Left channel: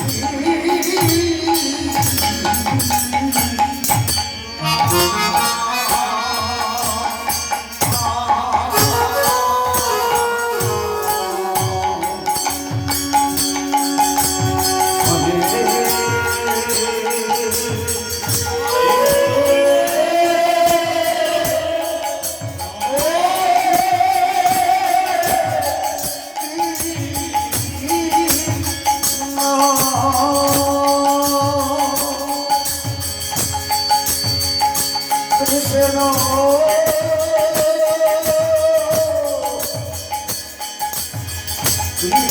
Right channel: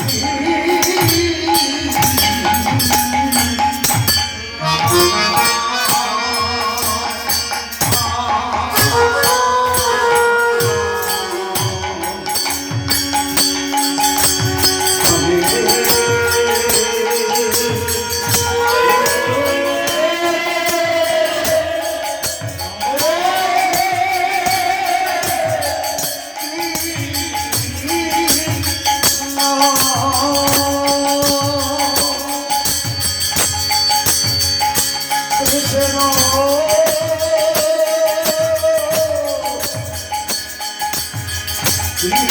Yeah. Yeah.